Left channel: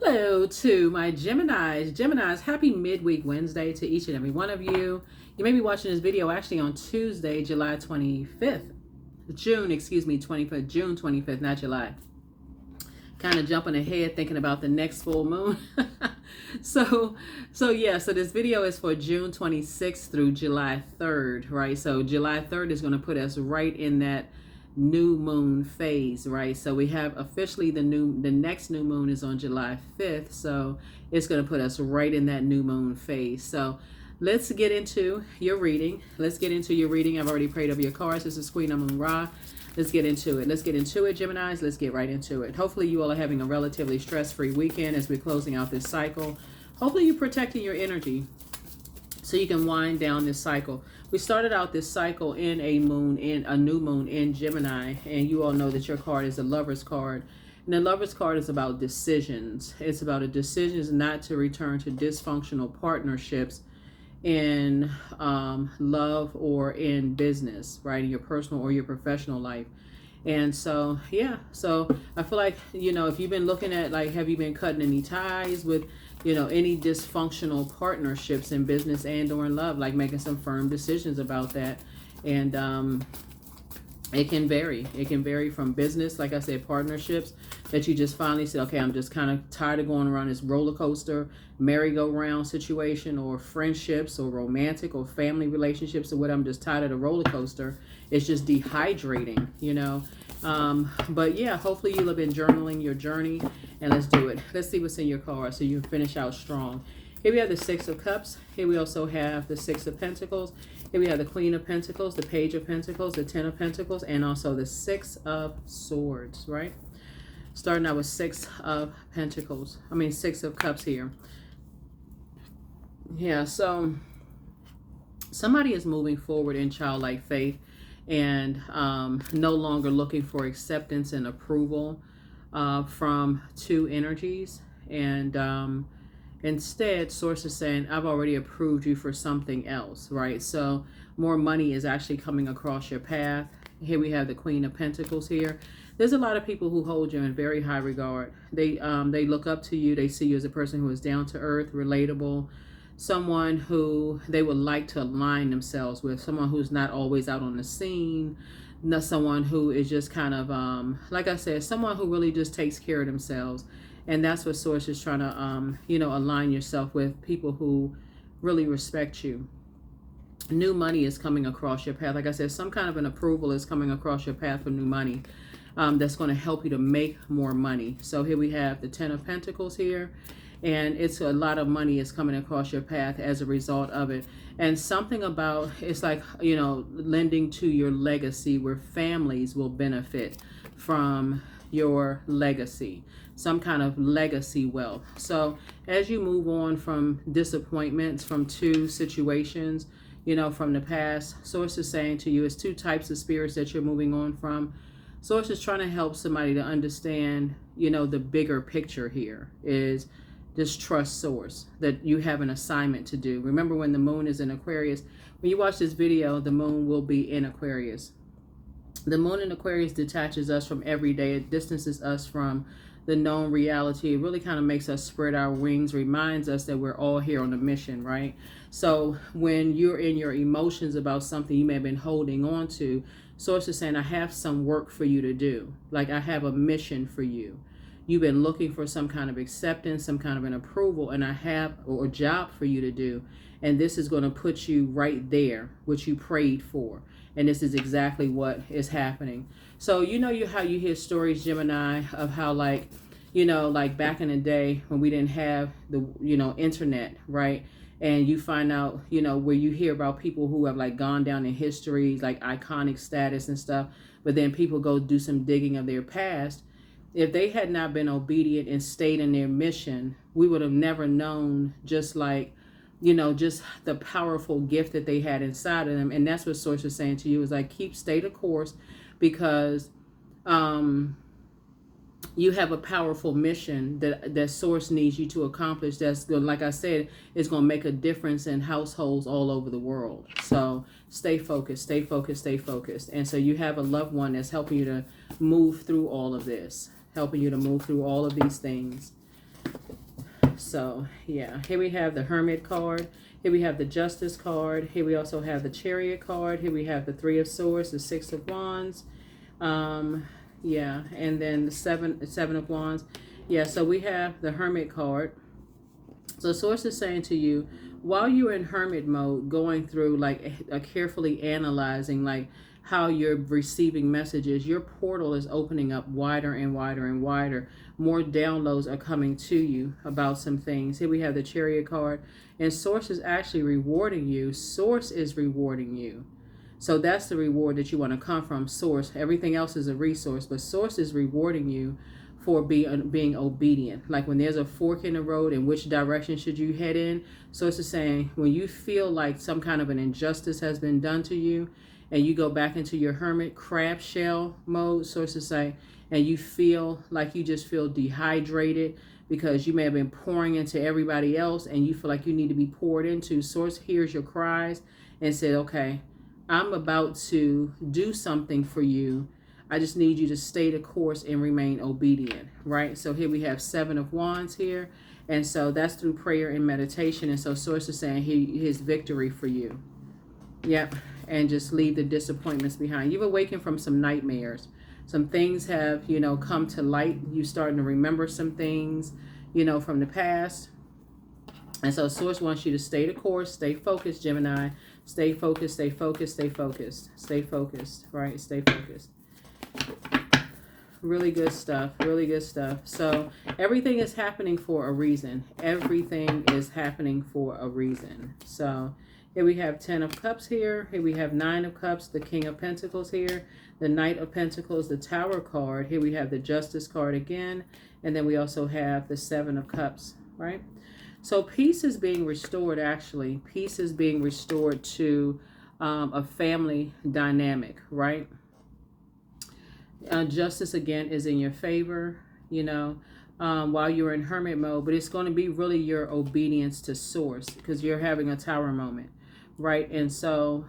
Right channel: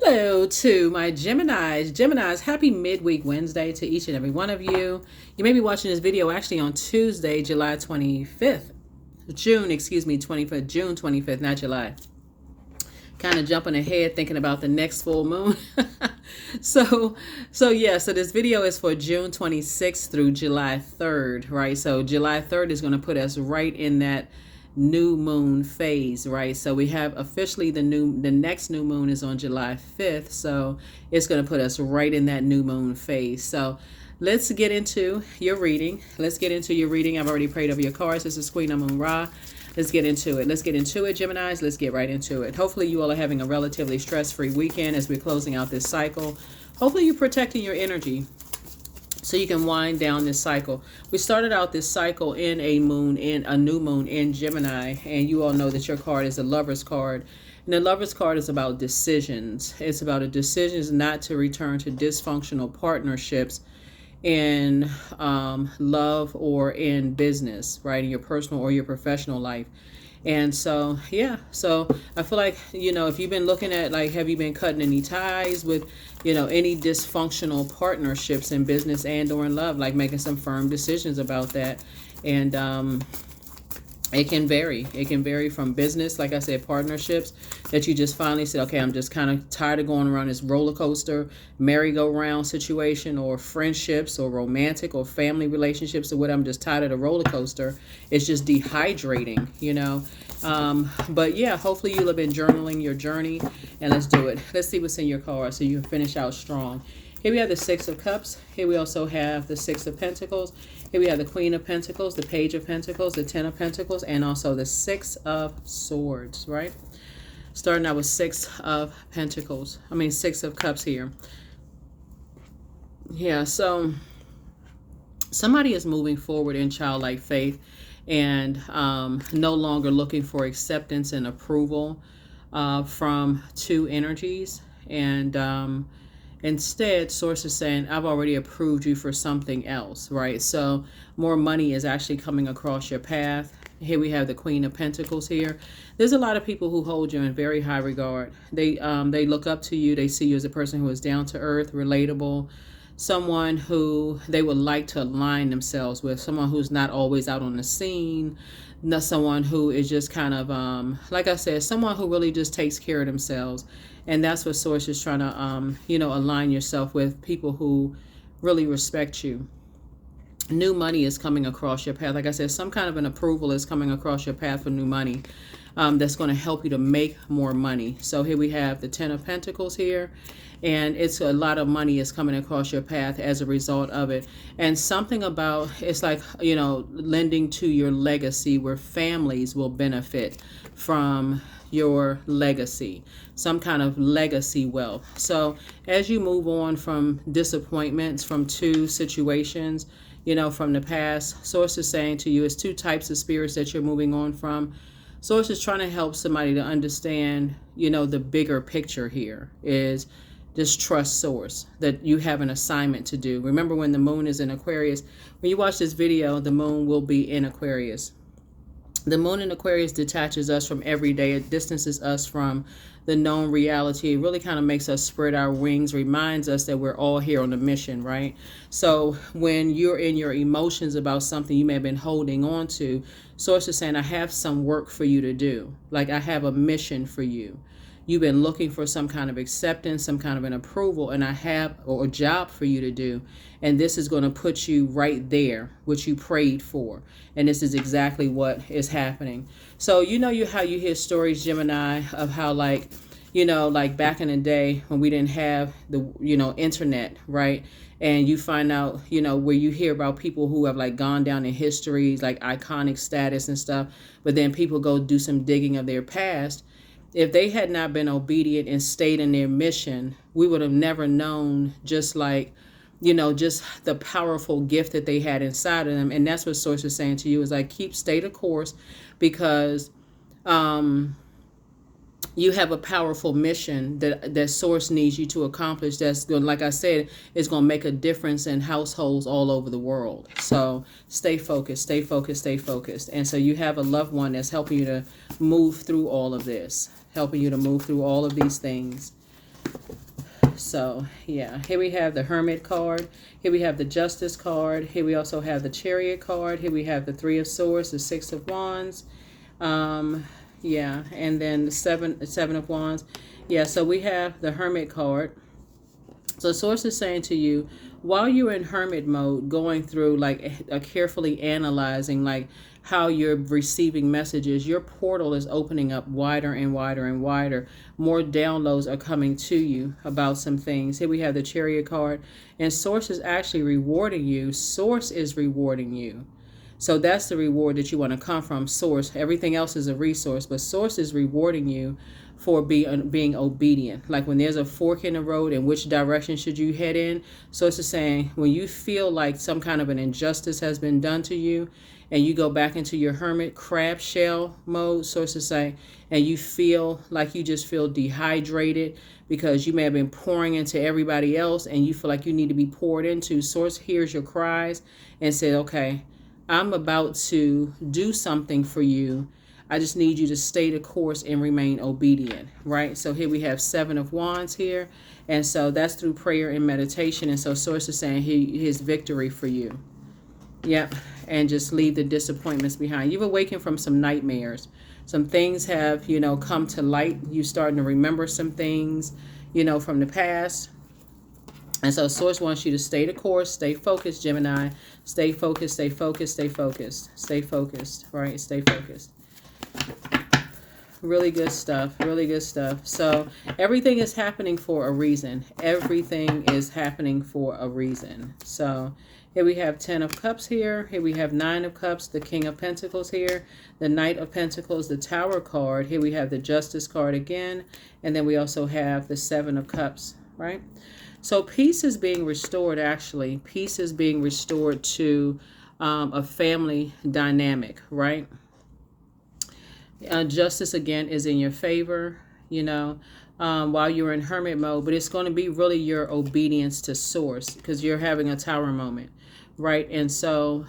Hello to my Geminis. Geminis, happy midweek Wednesday to each and every one of you. You may be watching this video actually on Tuesday, July 25th. June 25th, not July. Kind of jumping ahead thinking about the next full moon. so this video is for June 26th through July 3rd, right? So July 3rd is going to put us right in that new moon phase, right? So we have officially the next new moon is on July 5th, so it's going to put us right in that new moon phase. So let's get into your reading. I've already prayed over your cards. This is Queen Amun Ra. Let's get into it, Geminis. Let's get right into it. Hopefully you all are having a relatively stress-free weekend as we're closing out this cycle. Hopefully you're protecting your energy so you can wind down this cycle. We started out this cycle in a new moon in Gemini, and you all know that your card is a Lover's card. And the Lover's card is about decisions. It's about a decision not to return to dysfunctional partnerships in love or in business, right? In your personal or your professional life. And so, so I feel like, if you've been looking at, like, have you been cutting any ties with, any dysfunctional partnerships in business and or in love, like making some firm decisions about that. And it can vary from business, like I said, partnerships that you just finally said, okay, I'm just kind of tired of going around this roller coaster, merry-go-round situation, or friendships or romantic or family relationships or what. I'm just tired of the roller coaster. It's just dehydrating, But yeah, hopefully you'll have been journaling your journey, and let's do it. Let's see what's in your card so you can finish out strong. Here we have the Six of Cups. Here we also have the Six of Pentacles. Here we have the Queen of Pentacles, the Page of Pentacles, the Ten of Pentacles, and also the Six of Swords, right? Starting out with Six of Cups here. Yeah, so somebody is moving forward in childlike faith and no longer looking for acceptance and approval from two energies. And instead, Source is saying, I've already approved you for something else, right? So more money is actually coming across your path. Here we have the Queen of Pentacles here. There's a lot of people who hold you in very high regard. They look up to you. They see you as a person who is down to earth, relatable, someone who they would like to align themselves with, someone who's not always out on the scene, not someone who is just kind of, like I said, someone who really just takes care of themselves. And that's what Source is trying to, align yourself with, people who really respect you. New money is coming across your path. Like I said, some kind of an approval is coming across your path for new money that's going to help you to make more money. So here we have the Ten of Pentacles here. And it's a lot of money is coming across your path as a result of it. And something about, it's like, lending to your legacy, where families will benefit from your legacy, some kind of legacy wealth. So as you move on from disappointments, from two situations, from the past, Source is saying to you, it's two types of spirits that you're moving on from. Source is trying to help somebody to understand, the bigger picture here is just trust Source, that you have an assignment to do. Remember, when the moon is in Aquarius, when you watch this video, the moon will be in Aquarius. The moon in Aquarius detaches us from every day. It distances us from the known reality. It really kind of makes us spread our wings, reminds us that we're all here on a mission, right? So when you're in your emotions about something you may have been holding on to, Source is saying, I have some work for you to do. Like, I have a mission for you. You've been looking for some kind of acceptance, some kind of an approval, and I have a job for you to do. And this is going to put you right there, what you prayed for. And this is exactly what is happening. So how you hear stories, Gemini, of how, like back in the day when we didn't have the, internet, right? And you find out, where you hear about people who have, like, gone down in history, like iconic status and stuff. But then people go do some digging of their past. If they had not been obedient and stayed in their mission, we would have never known, just like, just the powerful gift that they had inside of them. And that's what Source is saying to you, is like, stay the course, because you have a powerful mission that Source needs you to accomplish. That's going, like I said, is going to make a difference in households all over the world. So stay focused, stay focused, stay focused. And so you have a loved one that's helping you to move through all of this, helping you to move through all of these things. So yeah, here we have the Hermit card. Here we have the Justice card. Here we also have the Chariot card. Here we have the Three of Swords, the Six of Wands. Yeah, and then the seven of Wands. Yeah, so we have the Hermit card. So Source is saying to you, while you're in hermit mode, going through like carefully analyzing like how you're receiving messages, your portal is opening up wider and wider and wider. More downloads are coming to you about some things. Here we have the Chariot card, and Source is actually rewarding you. Source is rewarding you. So that's the reward that you want to come from, Source. Everything else is a resource, but Source is rewarding you for being obedient. Like when there's a fork in the road, and which direction should you head in? Source is saying when you feel like some kind of an injustice has been done to you, and you go back into your hermit crab shell mode, Source is saying, and you feel like you just feel dehydrated because you may have been pouring into everybody else, and you feel like you need to be poured into. Source hears your cries and said, okay, I'm about to do something for you. I just need you to stay the course and remain obedient, right? So here we have Seven of Wands here. And so that's through prayer and meditation. And so Source is saying his victory for you. Yep. And just leave the disappointments behind. You've awakened from some nightmares. Some things have, come to light. You're starting to remember some things, from the past. And so Source wants you to stay the course, stay focused, Gemini. Stay focused, stay focused, stay focused, stay focused, right? Stay focused. Really good stuff. Really good stuff. So everything is happening for a reason. Everything is happening for a reason. So here we have 10 of Cups here. Here we have 9 of Cups, the King of Pentacles here, the Knight of Pentacles, the Tower card. Here we have the Justice card again. And then we also have the 7 of Cups, right? So peace is being restored, actually. Peace is being restored to a family dynamic, right? Justice, again, is in your favor, while you're in hermit mode. But it's going to be really your obedience to Source because you're having a Tower moment, right? And so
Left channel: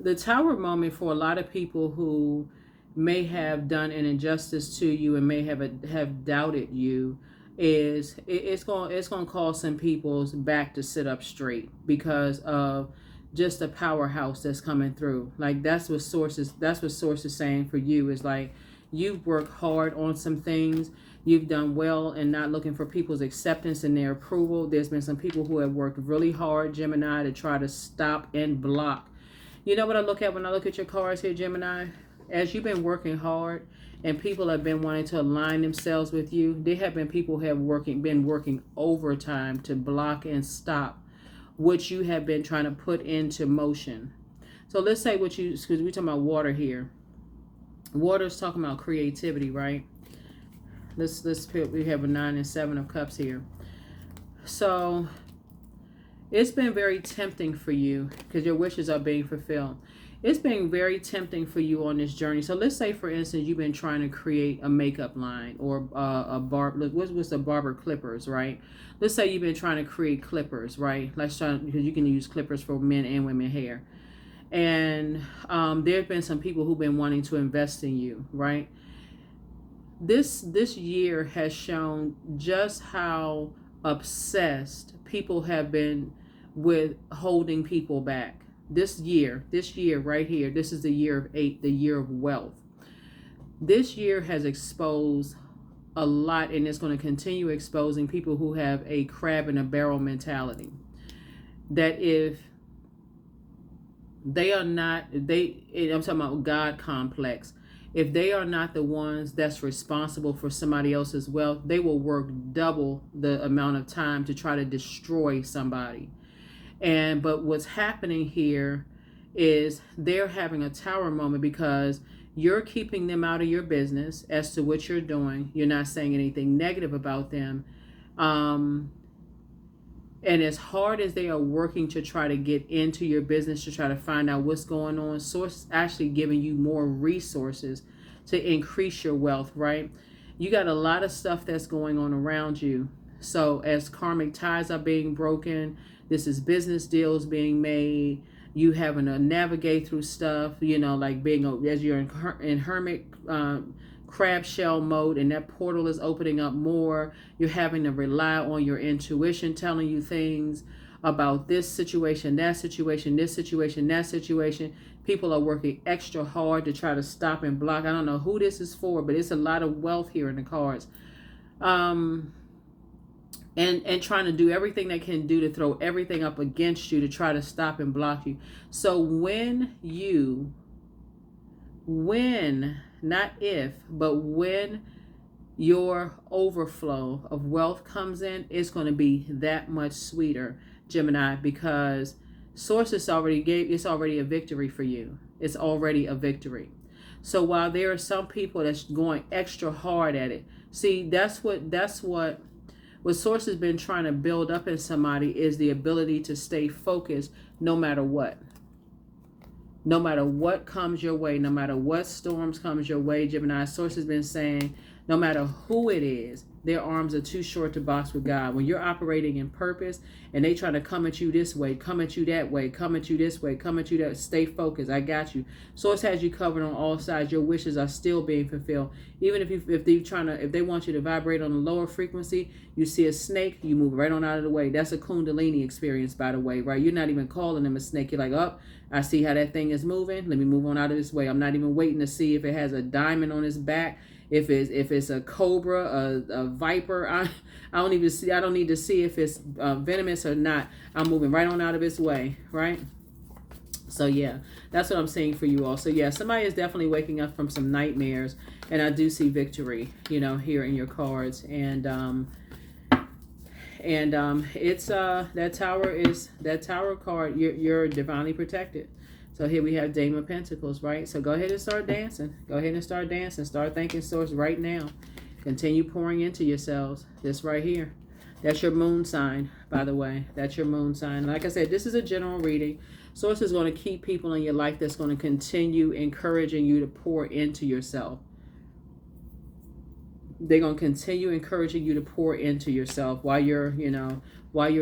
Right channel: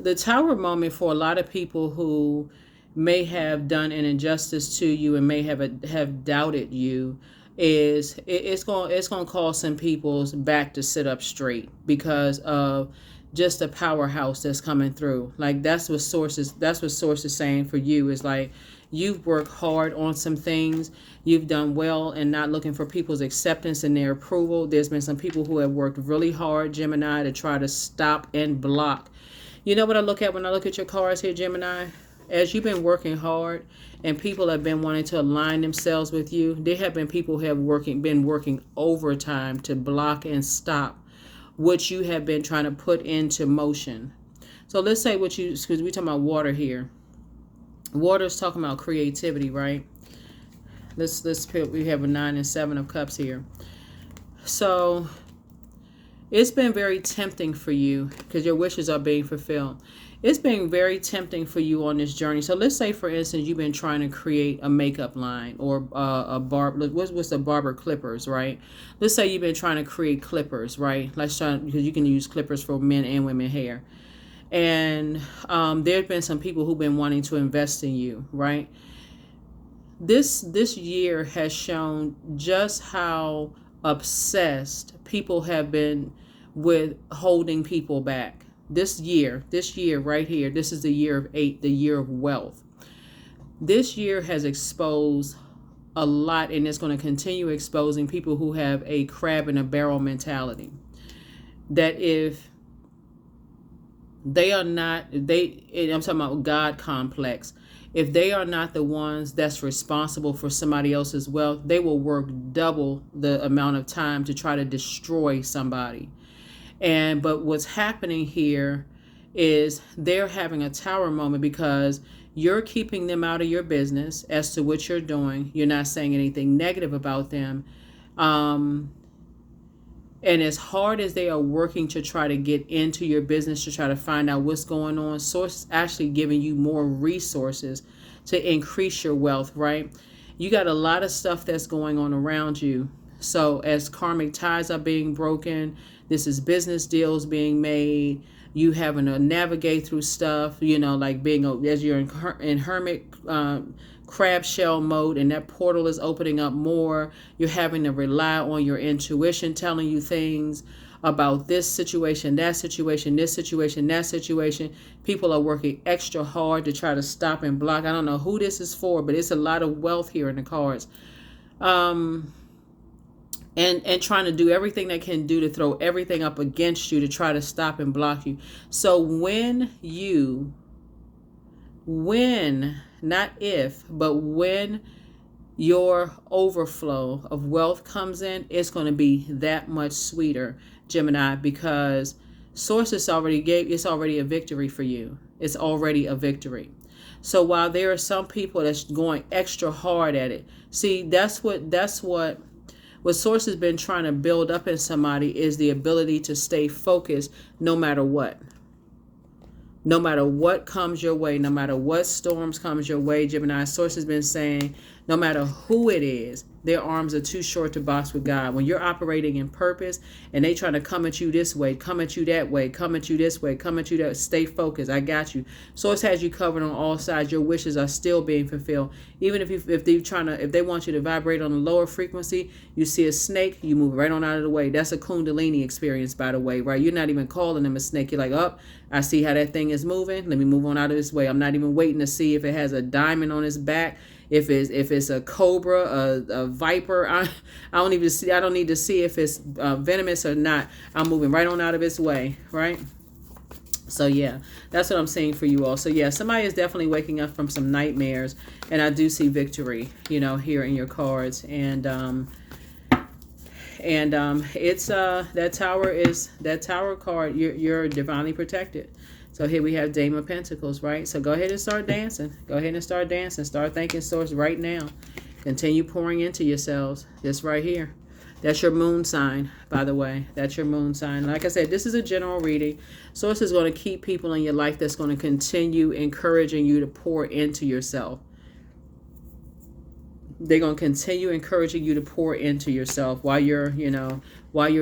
the Tower moment for a lot of people who may have done an injustice to you and may have doubted you is it's going to cause some people's back to sit up straight because of just a powerhouse that's coming through. Like that's what Source is saying for you is like you've worked hard on some things, you've done well and not looking for people's acceptance and their approval. There's been some people who have worked really hard, Gemini, to try to stop and block. You know what I look at when I look at your cards here, Gemini? As you've been working hard and people have been wanting to align themselves with you, there have been people who have been working overtime to block and stop what you have been trying to put into motion. So let's say because we're talking about water here. Water is talking about creativity, right? Let's pick, we have a 9 and 7 of Cups here. So it's been very tempting for you because your wishes are being fulfilled. It's been very tempting for you on this journey. So let's say, for instance, you've been trying to create a makeup line or what's the barber clippers, right? Let's say you've been trying to create clippers, right? Because you can use clippers for men and women hair. And there have been some people who've been wanting to invest in you, right? This year has shown just how obsessed people have been with holding people back. This year right here, this is the year of 8, the year of wealth. This year has exposed a lot, and it's going to continue exposing people who have a crab in a barrel mentality. That if they are not, I'm talking about God complex. If they are not the ones that's responsible for somebody else's wealth, they will work double the amount of time to try to destroy somebody. But what's happening here is they're having a Tower moment because you're keeping them out of your business as to what you're doing. You're not saying anything negative about them. And as hard as they are working to try to get into your business, to try to find out what's going on, Source is actually giving you more resources to increase your wealth, right? You got a lot of stuff that's going on around you. So as karmic ties are being broken, this is business deals being made. You having to navigate through stuff, like as you're in hermit crab shell mode, and that portal is opening up more. You're having to rely on your intuition telling you things about this situation, that situation, this situation, that situation. People are working extra hard to try to stop and block. I don't know who this is for, but it's a lot of wealth here in the cards. And trying to do everything they can do to throw everything up against you to try to stop and block you. So not if, but when your overflow of wealth comes in, it's going to be that much sweeter, Gemini, because Source is it's already a victory for you. It's already a victory. So while there are some people that's going extra hard at it, see, that's what Source has been trying to build up in somebody is the ability to stay focused no matter what. No matter what comes your way, no matter what storms comes your way, Gemini, Source has been saying, no matter who it is, their arms are too short to box with God. When you're operating in purpose and they try to come at you this way, come at you that way, come at you this way, come at you that, stay focused. I got you. Source has you covered on all sides. Your wishes are still being fulfilled. Even if they want you to vibrate on a lower frequency, you see a snake, you move right on out of the way. That's a Kundalini experience, by the way, right? You're not even calling them a snake. You're like, oh, I see how that thing is moving. Let me move on out of this way. I'm not even waiting to see if it has a diamond on its back. If it's a cobra, a viper, I don't need to see if it's venomous or not. I'm moving right on out of its way, right? So yeah, that's what I'm saying for you all. So yeah, somebody is definitely waking up from some nightmares, and I do see victory, here in your cards, and it's that tower card. You're divinely protected. So here we have Dame of Pentacles, right? So go ahead and start dancing. Go ahead and start dancing. Start thanking Source right now. Continue pouring into yourselves. This right here. That's your moon sign, by the way. That's your moon sign. Like I said, this is a general reading. Source is going to keep people in your life that's going to continue encouraging you to pour into yourself. They're going to continue encouraging you to pour into yourself while you're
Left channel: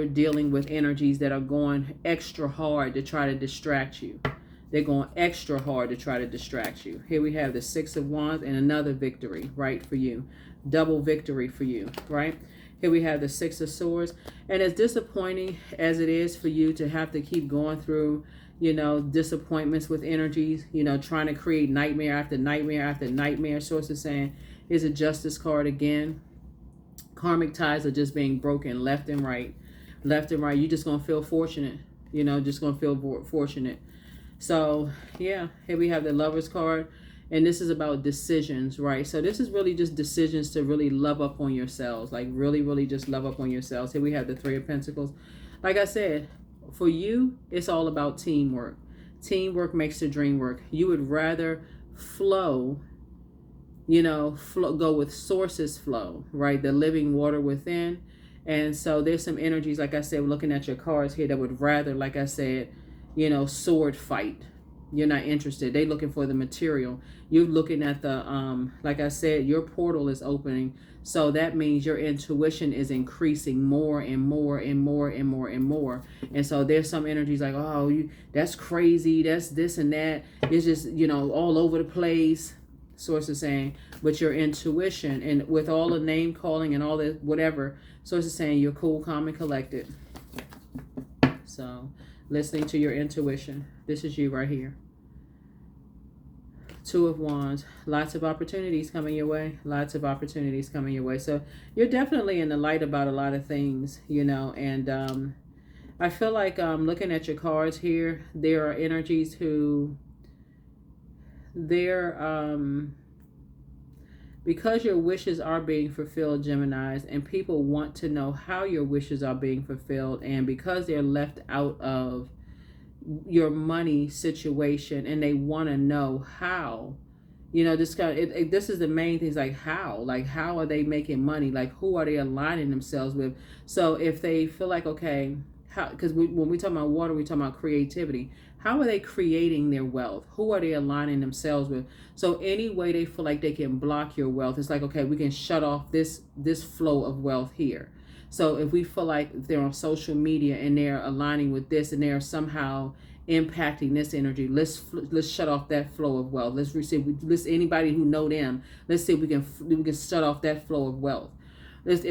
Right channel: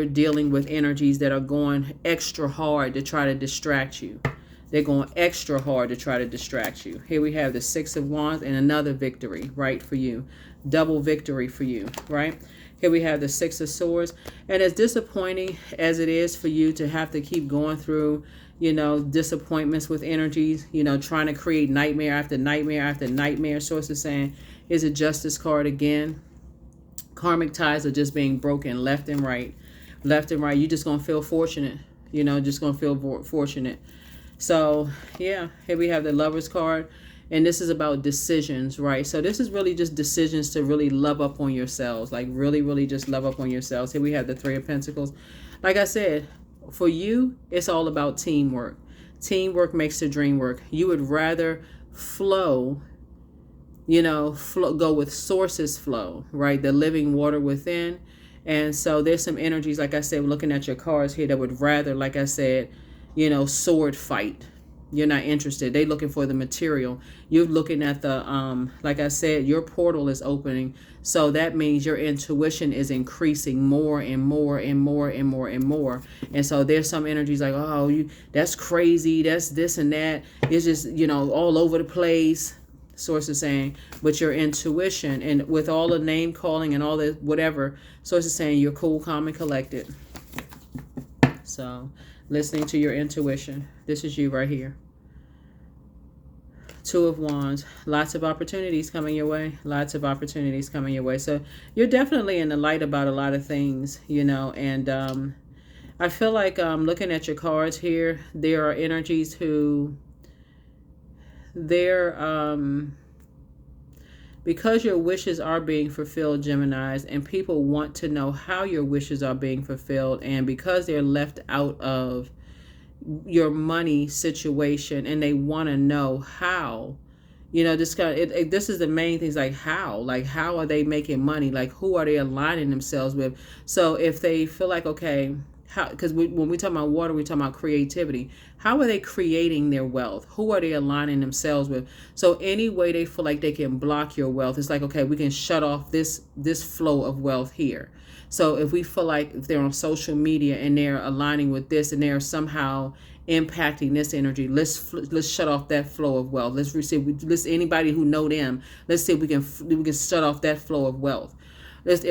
dealing with energies that are going extra hard to try to distract you. They're going extra hard to try to distract you. Here we have the Six of Wands and another victory, right, for you. Double victory for you, right? Here we have the Six of Swords. And as disappointing as it is for you to have to keep going through, disappointments with energies, trying to create nightmare after nightmare after nightmare. Source is saying, here's a Justice card again. Karmic ties are just being broken left and right. Left and right. You're just going to feel fortunate. Just going to feel fortunate. So, yeah, here we have the Lover's card. And this is about decisions, right? So this is really just decisions to really love up on yourselves. Like really, really just love up on yourselves. Here we have the Three of Pentacles. Like I said, for you, it's all about teamwork. Teamwork makes the dream work. You would rather flow, go with Source's flow, right? The living water within. And so there's some energies, like I said, looking at your cards here, that would rather, like I said, sword fight. You're not interested. They're looking for the material. You're looking at the, like I said, your portal is opening. So that means your intuition is increasing more and more and more and more and more. And so there's some energies like, oh, that's crazy. That's this and that. It's just, all over the place. Source is saying, but your intuition and with all the name calling and all the whatever, Source is saying you're cool, calm, and collected. So listening to your intuition. This is you right here. Two of Wands. Lots of opportunities coming your way. Lots of opportunities coming your way. So you're definitely in the light about a lot of things, and I feel like looking at your cards here, there are energies who because your wishes are being fulfilled, Geminis, and people want to know how your wishes are being fulfilled, and because they're left out of your money situation and they want to know how, this is the main things, like how are they making money, like who are they aligning themselves with. So if they feel like, okay, how, because when we talk about water, we talk about creativity. How are they creating their wealth? Who are they aligning themselves with? So any way they feel like they can block your wealth, it's like, okay, we can shut off this flow of wealth here. So if we feel like if they're on social media and they're aligning with this and they're somehow impacting this energy. Let's shut off that flow of wealth. Let's anybody who know them. Let's see if we can shut off that flow of wealth. Let's see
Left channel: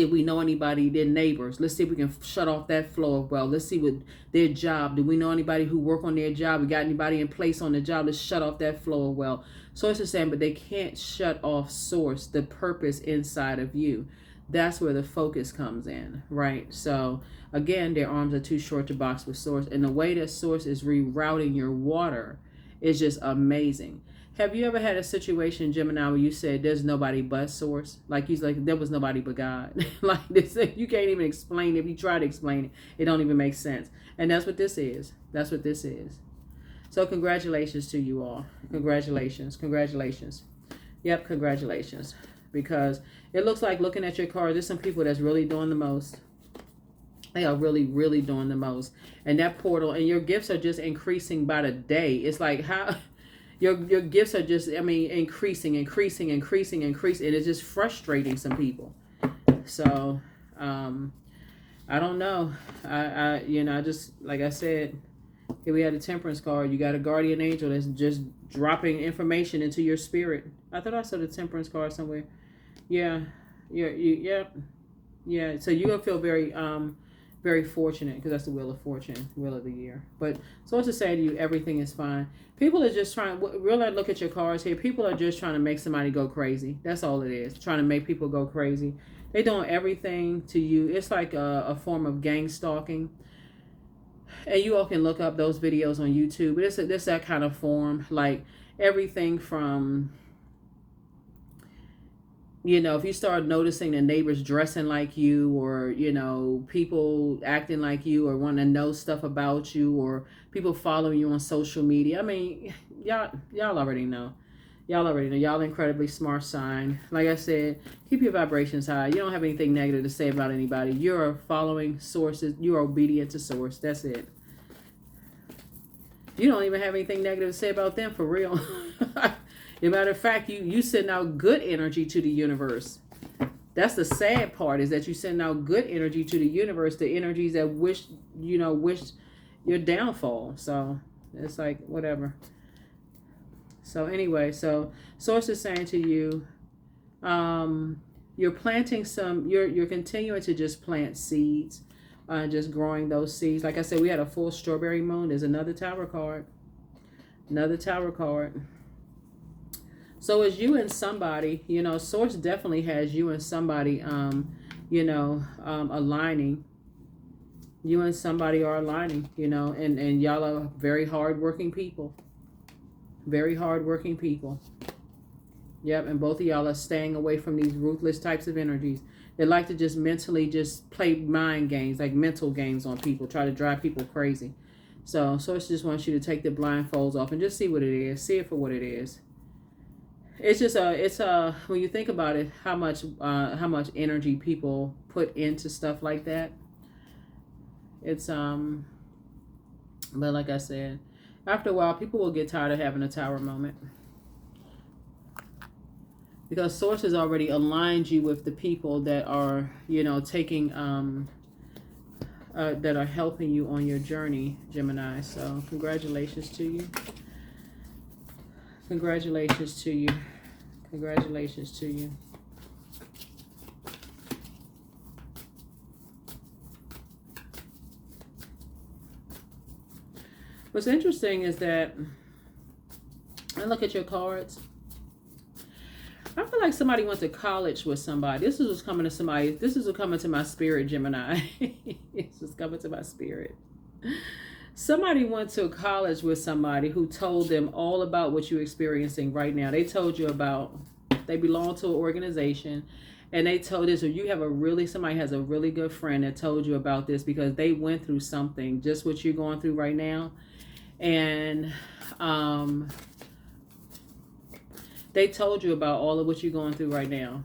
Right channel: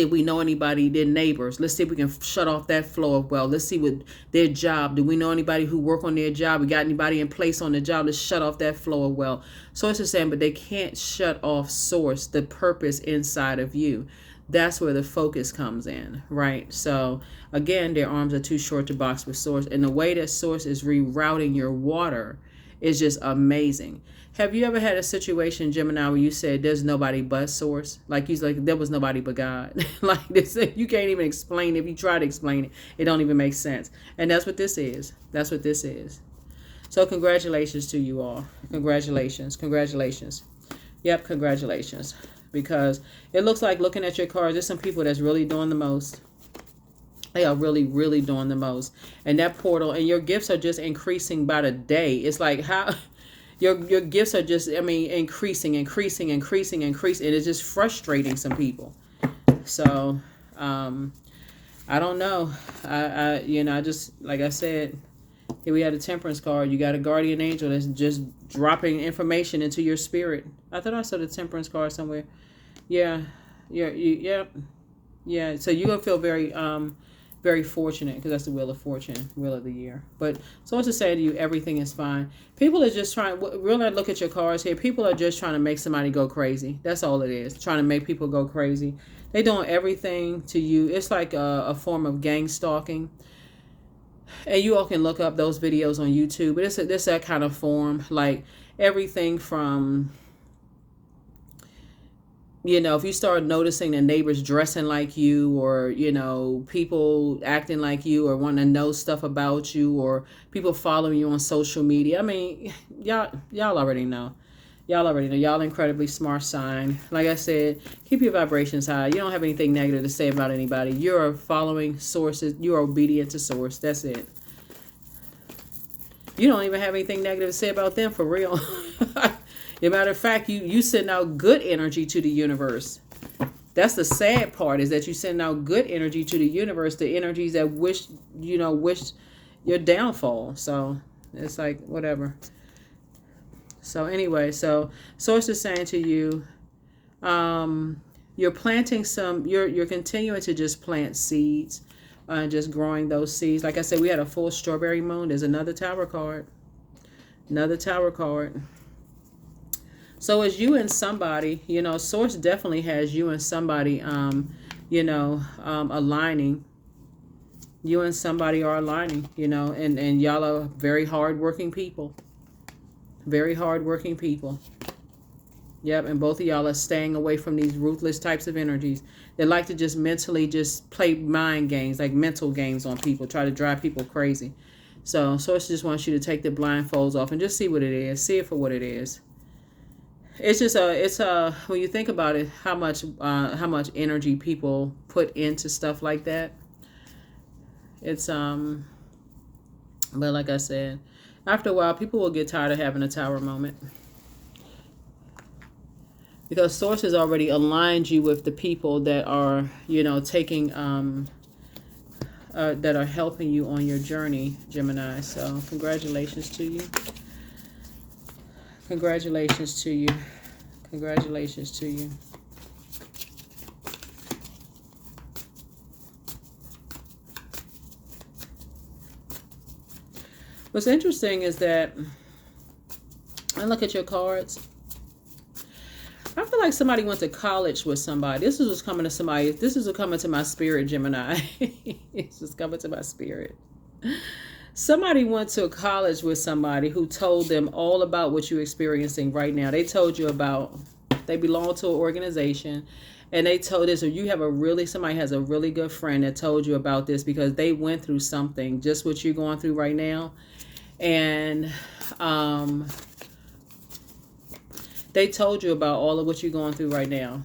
if we know anybody, their neighbors. Let's see if we can shut off that flow of wealth. Let's see what their job. Do we know anybody who work on their job? We got anybody in place on the job? Let's shut off that flow of wealth. Source is saying, but they can't shut off source, the purpose inside of you. That's where the focus comes in, right? So again, their arms are too short to box with source. And the way that source is rerouting your water is just amazing. Have you ever had a situation, Gemini, where you said there's nobody but source? Like there was nobody but God. Like this, you can't even explain it. If you try to explain it, it don't even make sense. And that's what this is. That's what this is. So congratulations to you all. Congratulations. Congratulations. Yep, congratulations. Because it looks like, looking at your cards, there's some people that's really doing the most. They are really, really doing the most. And that portal, and your gifts are just increasing by the day. It's like how... Your gifts are just, increasing. And it's just frustrating some people. So, I don't know. I just, like I said, here we had a temperance card. You got a guardian angel that's just dropping information into your spirit. I thought I saw the temperance card somewhere. Yeah. So you're going to feel very fortunate, because that's the wheel of fortune, wheel of the year. But so to say to you, everything is fine. People are just trying, really look at your cards here. People are just trying to make somebody go crazy. That's all it is. Trying to make people go crazy. They're doing everything to you. It's like a form of gang stalking. And you all can look up those videos on YouTube. But it's that kind of form. Like everything from... if you start noticing the neighbors dressing like you, or, people acting like you, or want to know stuff about you, or people following you on social media. Y'all already know. Y'all incredibly smart sign. Like I said, keep your vibrations high. You don't have anything negative to say about anybody. You're following sources. You're obedient to source. That's it. You don't even have anything negative to say about them, for real. As a matter of fact, you send out good energy to the universe. That's the sad part, is that you send out good energy to the universe, the energies that wish your downfall. So it's like, whatever. So anyway, so source is saying to you, you're planting you're continuing to just plant seeds, just growing those seeds. Like I said, we had a full strawberry moon. There's another tower card. So as you and somebody, source definitely has you and somebody, aligning. You and somebody are aligning, and y'all are very hardworking people. Very hardworking people. Yep, and both of y'all are staying away from these ruthless types of energies. They like to just mentally just play mind games, like mental games on people, try to drive people crazy. So source just wants you to take the blindfolds off and just see what it is. See it for what it is. It's just when you think about it, how much energy people put into stuff like that. It's but like I said, after a while, people will get tired of having a tower moment, because source has already aligned you with the people that are, taking that are helping you on your journey, Gemini. So congratulations to you. Congratulations to you. Congratulations to you. What's interesting is that I look at your cards. I feel like somebody went to college with somebody. This is what's coming to somebody. This is what's coming to my spirit, Gemini. This is coming to my spirit. Somebody went to college with somebody who told them all about what you're experiencing right now. They told you about, they belong to an organization, and they told this, or somebody has a really good friend that told you about this, because they went through something, just what you're going through right now. And they told you about all of what you're going through right now.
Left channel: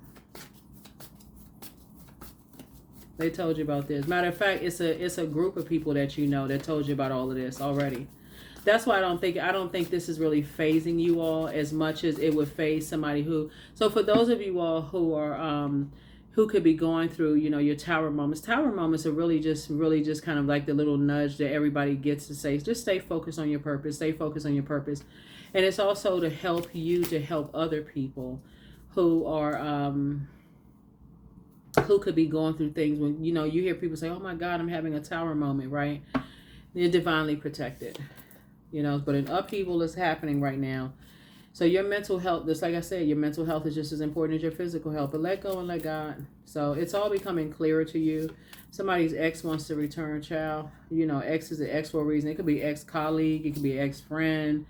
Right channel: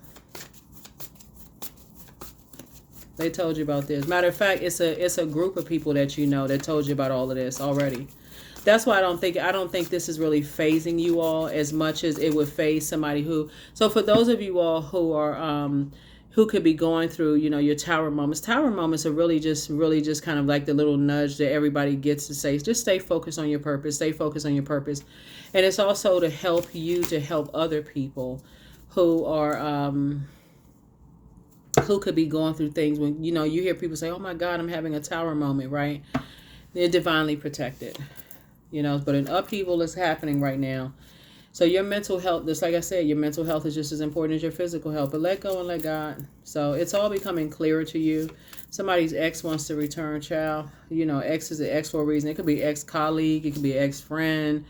They told you about this. Matter of fact, it's a group of people that that told you about all of this already. That's why I don't think this is really phasing you all as much as it would phase somebody who. So for those of you all who who could be going through, you know, your tower moments. Tower moments are really just kind of like the little nudge that everybody gets to say, just stay focused on your purpose, stay focused on your purpose. And it's also to help you to help other people who are, who could be going through things when, you know, you hear people say, oh my God, I'm having a tower moment, right? They're divinely protected, you know, but an upheaval is happening right now. So your mental health, just like I said, your mental health is just as important as your physical health. But let go and let God. So it's all becoming clearer to you. Somebody's ex wants to return, child. You know, ex is an ex for a reason. It could be ex-colleague. It could be ex-friend.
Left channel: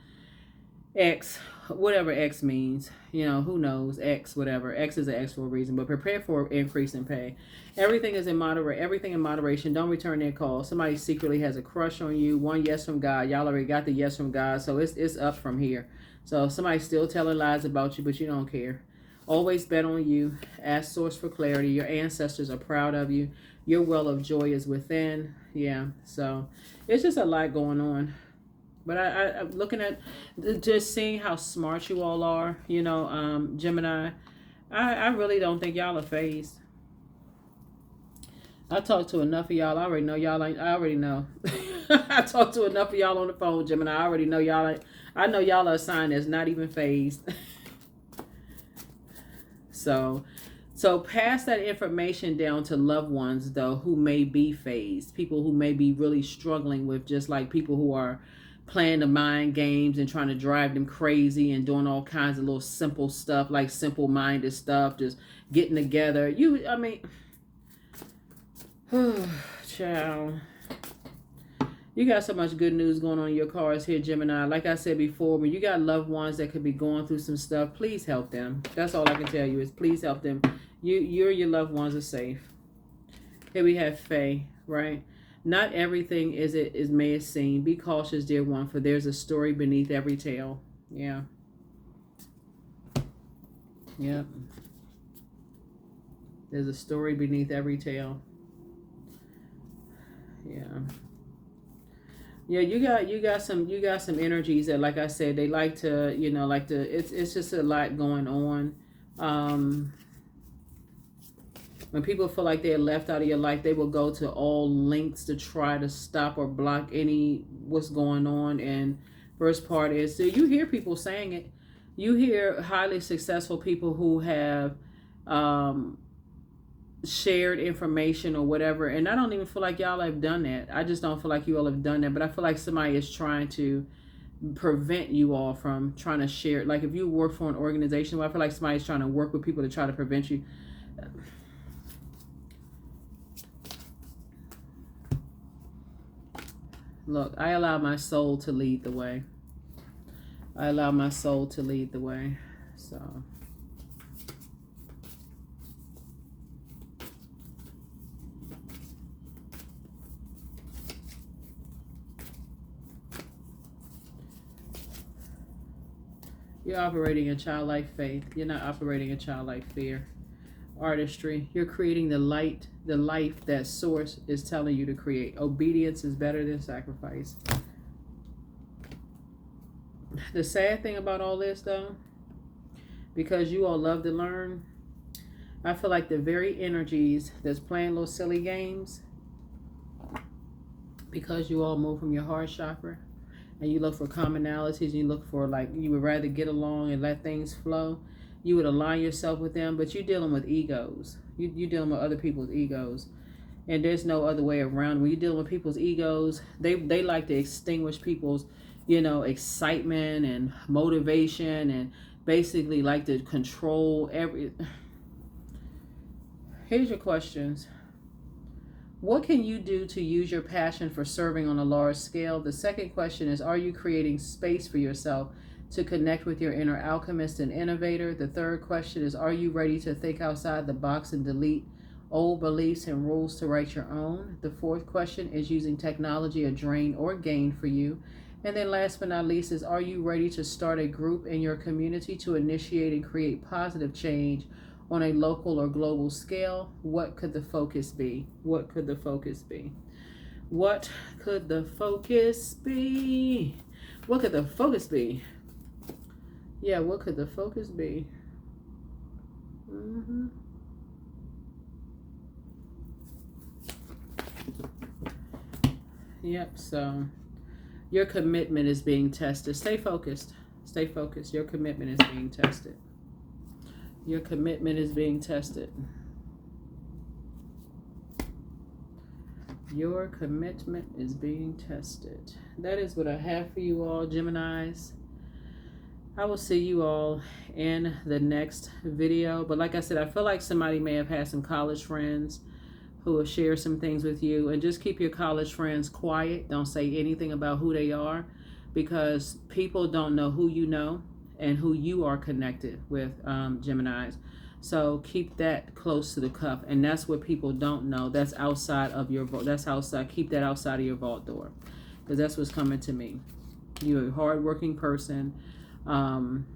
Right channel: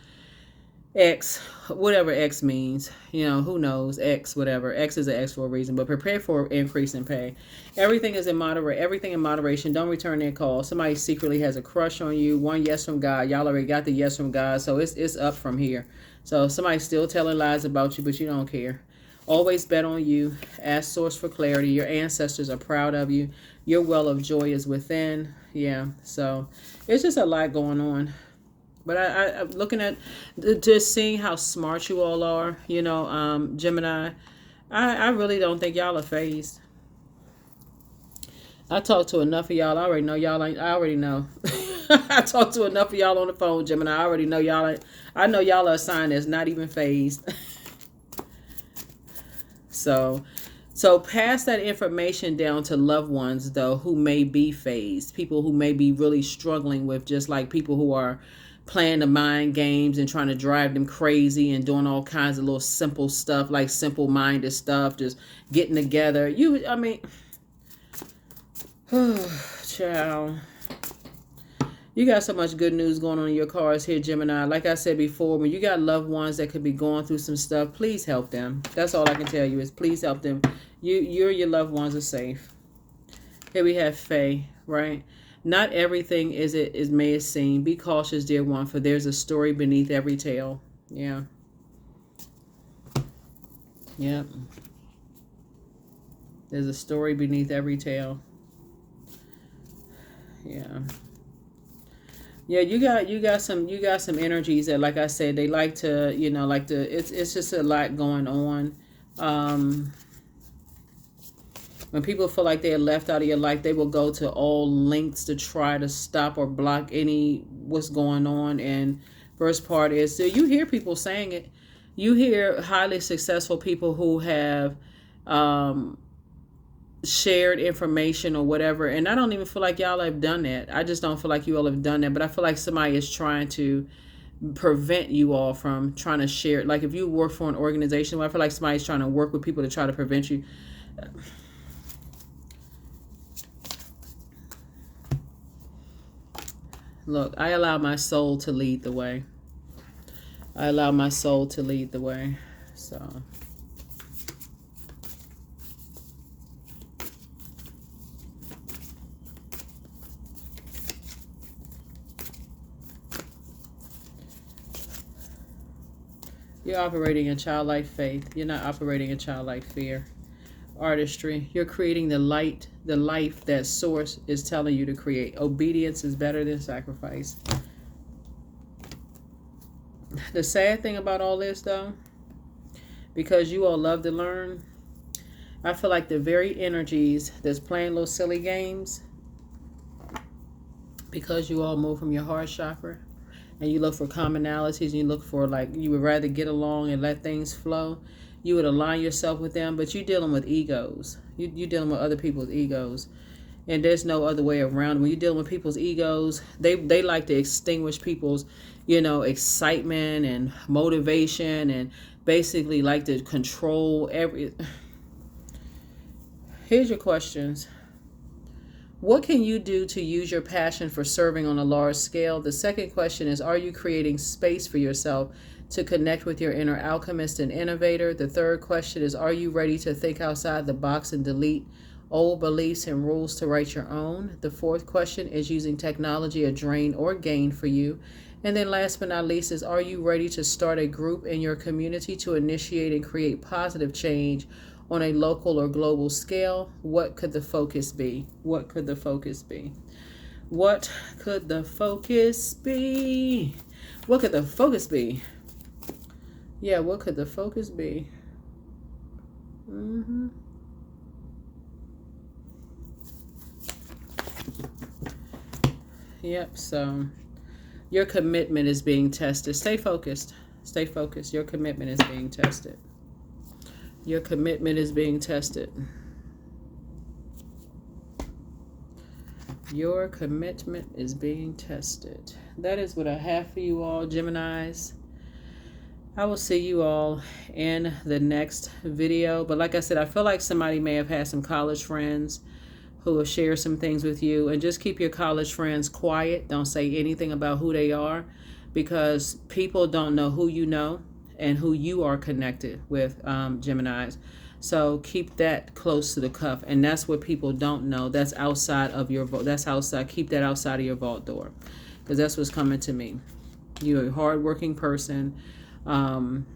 Ex, whatever ex means. You know, who knows? Ex, whatever. Ex is an ex for a reason. But prepare for increase in pay. Everything is in everything in moderation. Don't return their call. Somebody secretly has a crush on you. One yes from God. Y'all already got the yes from God. So it's up from here. So somebody's still telling lies about you, but you don't care. Always bet on you. Ask source for clarity. Your ancestors are proud of you. Your well of joy is within. Yeah, so it's just a lot going on. But I'm looking at, just seeing how smart you all are, you know, Gemini, I really don't think y'all are phased. I talked to enough of y'all. I already know y'all ain't. I already know. I talked to enough of y'all on the phone, Gemini. I already know y'all ain't. I know y'all are a sign that's not even phased. So pass that information down to loved ones, though, who may be phased. People who may be really struggling with, just like people who are playing the mind games and trying to drive them crazy and doing all kinds of little simple stuff, like simple-minded stuff, just getting together. I mean... Child, you got so much good news going on in your cards here, Gemini. Like I said before, when you got loved ones that could be going through some stuff, please help them. That's all I can tell you is please help them. Your loved ones are safe. Here we have Faye, right? Not everything is may seem. Be cautious, dear one, for there's a story beneath every tale. Yeah. Yep. There's a story beneath every tale. Yeah, you got some energies that, like I said, they like to, you know, it's just a lot going on. When people feel like they're left out of your life, they will go to all lengths to try to stop or block what's going on. And first part is, so you hear people saying it. You hear highly successful people who have shared information or whatever, and I don't even feel like y'all have done that. I just don't feel like you all have done that, but I feel like somebody is trying to prevent you all from trying to share. Like if you work for an organization, I feel like somebody's trying to work with people to try to prevent you. Look, I allow my soul to lead the way. I allow my soul to lead the way. So you're operating in childlike faith. You're not operating in childlike fear. Artistry. You're creating the life that source is telling you to create. Obedience is better than sacrifice. The sad thing about all this, though, because you all love to learn, I feel like the very energies that's playing little silly games, because you all move from your heart chakra, and you look for commonalities, and you look for, like, you would rather get along and let things flow, you would align yourself with them, but you're dealing with egos. You're dealing with other people's egos. And there's no other way around. When you're dealing with people's egos, they like to extinguish people's, you know, excitement and motivation, and basically like to control every... Here's your questions. What can you do to use your passion for serving on a large scale? The second question is, are you creating space for yourself to connect with your inner alchemist and innovator? The third question is, are you ready to think outside the box and delete old beliefs and rules to write your own? The fourth question is, using technology a drain or gain for you? And then last but not least is, are you ready to start a group in your community to initiate and create positive change on a local or global scale? What could the focus be? What could the focus be? What could the focus be? What could the focus be? Yeah, what could the focus be? Yep. So your commitment is being tested. Stay focused. Stay focused. Your commitment is being tested. Your commitment is being tested. Your commitment is being tested. That is what I have for you all, Geminis. I will see you all in the next video. But like I said, I feel like somebody may have had some college friends who will share some things with you. And just keep your college friends quiet. Don't say anything about who they are, because people don't know who you know and who you are connected with, Geminis. So keep that close to the cuff. And that's what people don't know. That's outside of your vault. That's outside. Keep that outside of your vault door, because that's what's coming to me. You're a hardworking person. And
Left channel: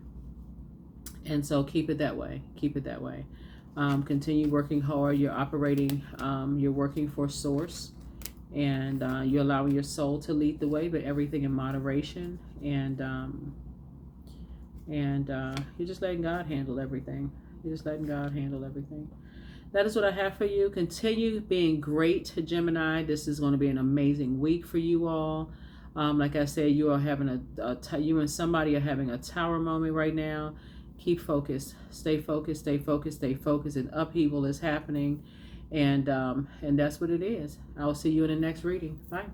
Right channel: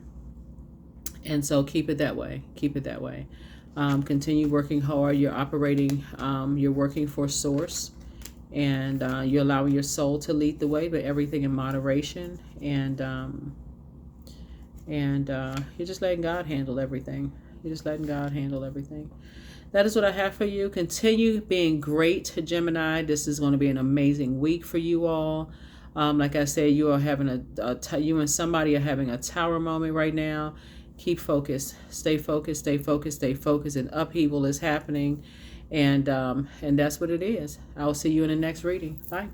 so keep it that way. Keep it that way. Continue working hard. You're operating, you're working for source, and you're allowing your soul to lead the way, but everything in moderation. And you're just letting God handle everything. You're just letting God handle everything. That is what I have for you. Continue being great, Gemini. This is going to be an amazing week for you all. Like I said, you are having you and somebody are having a tower moment right now. Keep focused. Stay focused. Stay focused. Stay focused. And upheaval is happening, and that's what it is. I will see you in the next reading. Bye.